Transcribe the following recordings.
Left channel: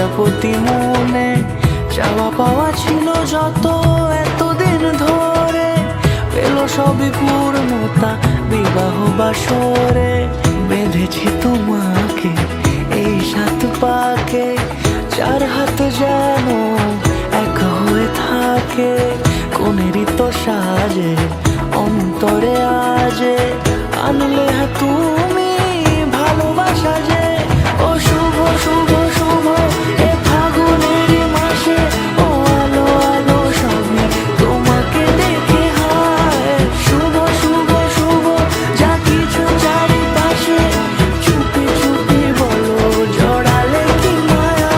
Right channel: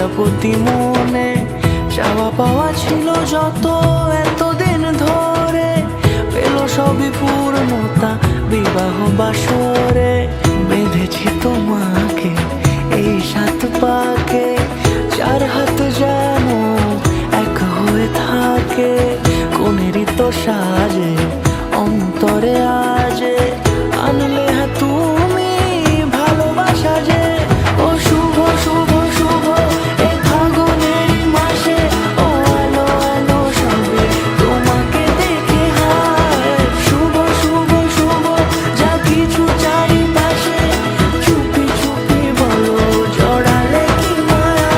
প্রজাপতি মনে চাওয়া পাওয়া ছিল যত এতদিন ধরে, পেল সবই পূর্ণতা বিবাহ বাসরে। বেঁধেছি তোমাকে এই 7 পাকে, 4 হাত যেন এক হয়ে থাকে। কোনেরই তো সাজে অন্তরে আজে, আনলে তুমি ভালোবাসা যে। ও শুভ শুভ শুভ এ ফাগুনেরই মাসে, ও আলো আলো সবই তোমাকে দেখে হায়। শুভ শুভ শুভ যা কিছু চারিপাশে, চুপি চুপি বলো জড়ালে কি মায়া।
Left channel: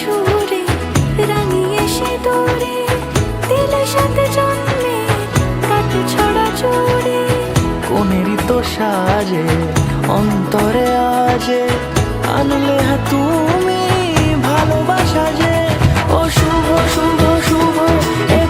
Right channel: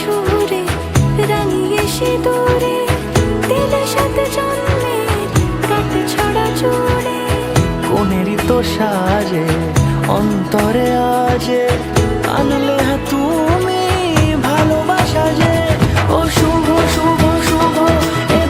সুরে রাঙিয়ে সে দূরে দিলে 7 জন্মের কাট ছড়া জোড়ে। কোনেরই তো সাজে অন্তরে আজে, আনলে তুমি ভালোবাসা যে। ও শুভ শুভ শুভ এ